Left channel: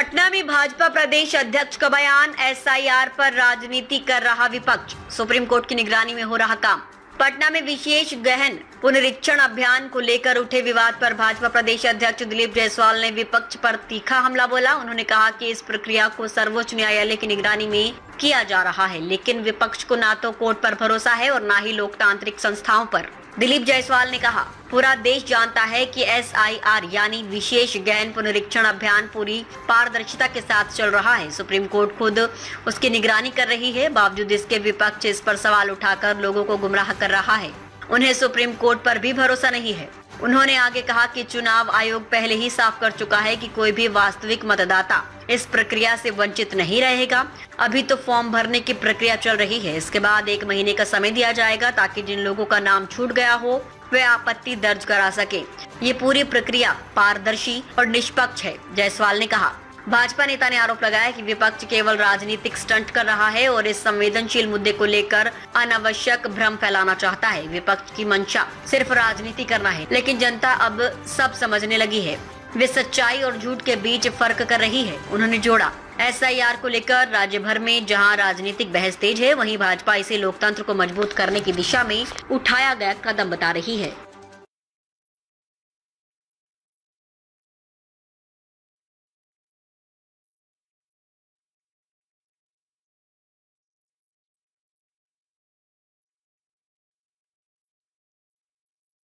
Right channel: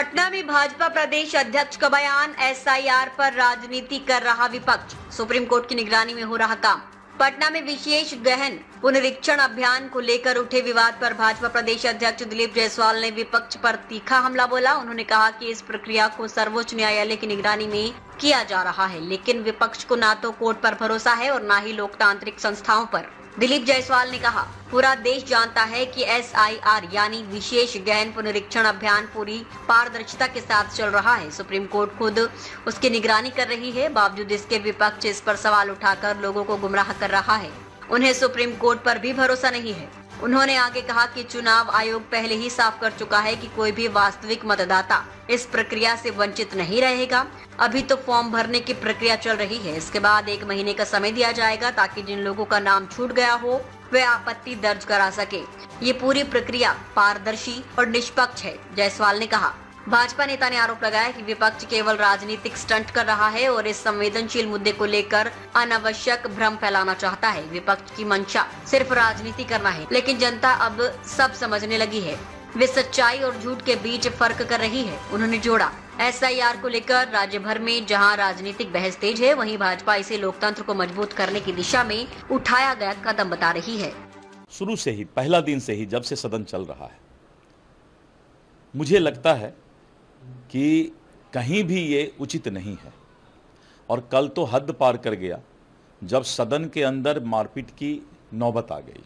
पटना में भाजपा प्रदेश अध्यक्ष का बयान, एसआईआर पर राजनीति कर रहा विपक्ष, सुप्रीम कोर्ट की निगरानी में हो रहा काम। पटना में विशेष गहन पुनरीक्षण अभियान को लेकर उठे विवाद पर भाजपा प्रदेश अध्यक्ष दिलीप जायसवाल ने विपक्ष पर तीखा हमला बोला। उन्होंने कहा कि इस प्रक्रिया को सर्वोच्च न्यायालय की निगरानी में किया जा रहा है, लेकिन विपक्ष को ना तो कोर्ट पर भरोसा है और ना ही लोकतांत्रिक संस्थाओं पर। दिलीप जायसवाल ने कहा, पूरा देश जानता है कि एसआईआर यानी विशेष गहन पुनरीक्षण अभियान पूरी पारदर्शिता के साथ चल रहा है। सुप्रीम कोर्ट खुद उसकी निगरानी कर रही है, बावजूद इसके विपक्ष इस पर सवाल उठाकर लोगों को गुमराह कर रहा है। उन्हें सुप्रीम कोर्ट पर भी भरोसा नहीं है। उन्होंने आगे कहा कि चुनाव आयोग पहले ही साफ कर चुका है कि कोई भी वास्तविक मतदाता इस प्रक्रिया से वंचित नहीं रहेगा। अभी तो फॉर्म भरने की प्रक्रिया चल रही है, इसके बाद 1 महीने का समय दिया जाएगा ताकि जिन लोगों का नाम छूट गया हो वे आपत्ति दर्ज करा सके। ये पूरी प्रक्रिया पारदर्शी और निष्पक्ष है, जायसवाल ने कहा। भाजपा नेता ने आरोप लगाया कि विपक्ष केवल राजनीतिक स्टंट कर रहा है और इस संवेदनशील मुद्दे को लेकर अनावश्यक भ्रम फैलाना चाहता है। विपक्ष की मंशा सिर्फ राजनीति करना है, लेकिन जनता अब सब समझने लगी है। वे सच्चाई और झूठ के बीच फर्क कर रही है। उन्होंने जोड़ा, एसआईआर को लेकर राज्य भर में जहां राजनीतिक बहस तेज है, वहीं भाजपा इसे लोकतंत्र को मजबूत करने की दिशा में उठाया गया कदम बता रही है। शुरू से ही, पहला दिन से ही, जब से सदन चल रहा है, मुझे लगता है कि कहीं भी ये उचित नहीं है और कल तो हद पार कर गया जब सदन के अंदर मारपीट की नौबत आ गई।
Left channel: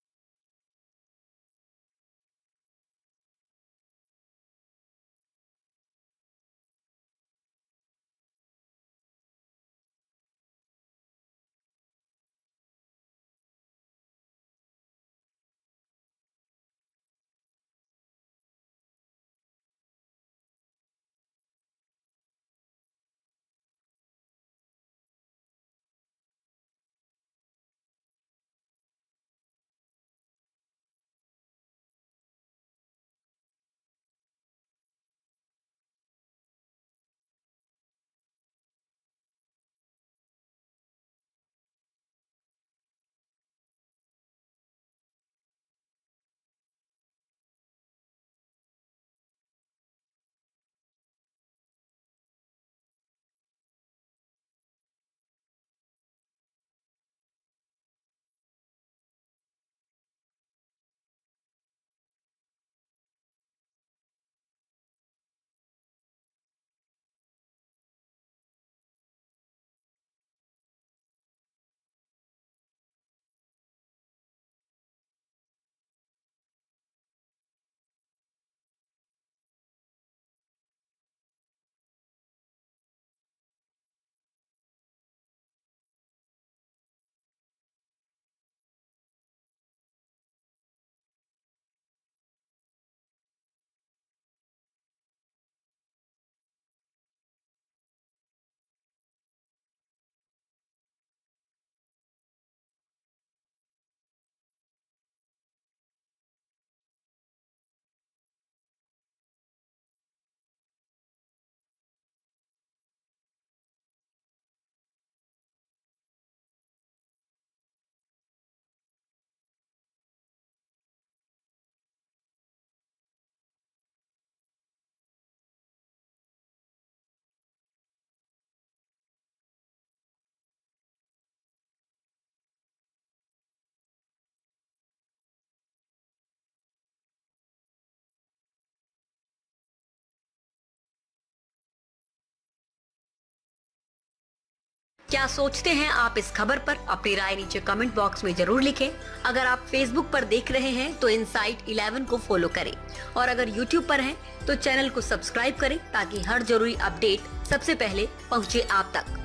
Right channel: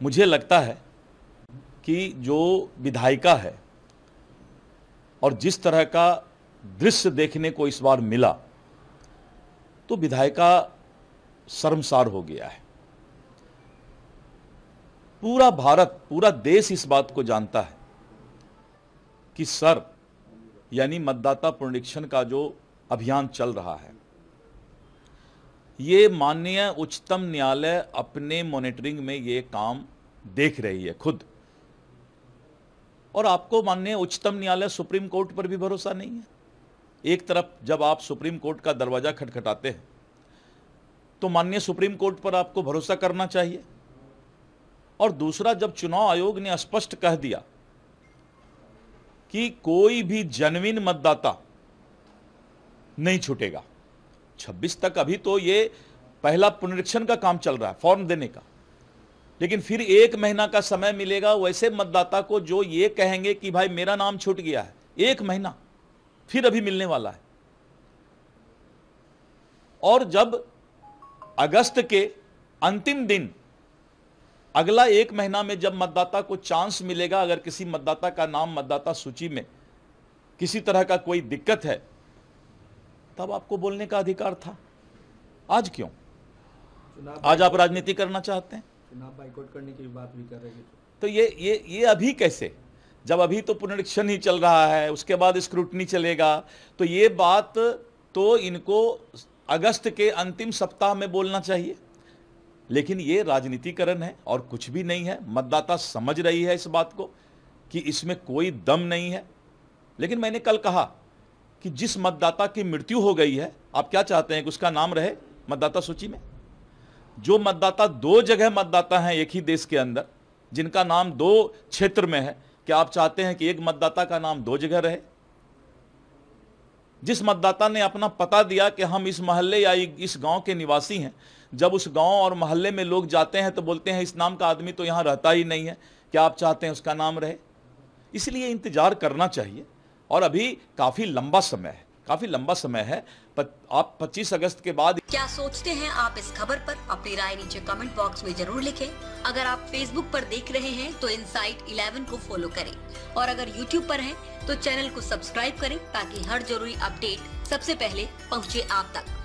मुझे लगता है कि जो विधायिका है और जिस तरह का दृश्य देखने को इस बार मिला, तो विधायिका शर्मसार हो गया है। पूरा भारत, पूरा देश इस बात को जानता है कि सर यानी मतदाता पुनरीक्षण का जो अभियान चल रहा है, ये माननीय उच्चतम न्यायालय अपने मॉनिटरिंग में ये काम देख रही है खुद। और आपको माननीय उच्चतम न्यायालय सुप्रीम कोर्ट पर भी भरोसा नहीं है। एक तरफ जब आप सुप्रीम कोर्ट का दरवाजा खटखटाते हैं तो माननीय सुप्रीम कोर्ट पर आपको भरोसा करना चाहिए, और दूसरा जब चुनाव आयोग ने स्पष्ट कह दिया कि कोई भी जेन्युइन मतदाता नहीं छूटेगा 26 तक। अभी तो ये पहला पुनरीक्षण का काम चल रहा है, फॉर्म देने का, लेकिन फिर 1 महीना का समय मिलेगा वैसे मतदाता को जो ये कहेंगे कि भाई मेरा नाम छूट गया है। 1 महीना फिर अभी मिलने वाला है। और जब अगस्त के अंतिम दिन, अगला 1 महीना में जब मतदाता को चांस मिलेगा, अगर किसी मतदाता का नाम मतदाता सूची में किसी तरह का कोई दिक्कत है, तब आपको बोलने का अधिकार था। आज क्यों? आज आप राजनीति करना चाहते हैं, चुनाव बाइकआउट करने की बात भी कर रहे हैं। तो ये अभी कैसे, जब अभी तो पुनरीक्षण ही चल रहा है, उसके बाद स्क्रूटनी चलेगा, तो ये बात तो इनको अगस्त के अंतिम सप्ताह में बोलना चाहिए। लेकिन ये राजनीतिकरण है और कुछ भी नहीं है। मतदाता समझ रही है इस बात को कि इसमें कोई दम नहीं है। लेकिन मैंने कल कहा कि जिस मतदाता की मृत्यु हो गई है, आप क्या चाहते हैं कि उसका नाम रहे मतदाता सूची में? जो मतदाता 2 जगह मतदाता हैं एक ही देश के अंदर, जिनका नाम 2 क्षेत्र में है, क्या आप चाहते हैं कि एक मतदाता का नाम 2 जगह रहे? जिस मतदाता ने अपना पता दिया कि हम इस मोहल्ले या इस गांव के निवासी हैं, जब उस गांव और मोहल्ले में लोग जाते हैं तो बोलते हैं इस नाम का आदमी तो यहां रहता ही नहीं है, क्या आप चाहते हैं उसका नाम रहे? इसलिए इंतजार करना चाहिए। और अभी काफी लंबा समय है, आप 25 अगस्त के बाद क्या सोचते हैं आप इस खबर पर? अपनी राय नीचे कमेंट बॉक्स में जरूर लिखें। अगर आप फेसबुक पर देख रहे हैं तो इनसाइट 11 को फॉलो करें, और अगर यूट्यूब पर हैं तो चैनल को सब्सक्राइब करें ताकि हर जरूरी अपडेट सबसे पहले पहुंचे आप तक।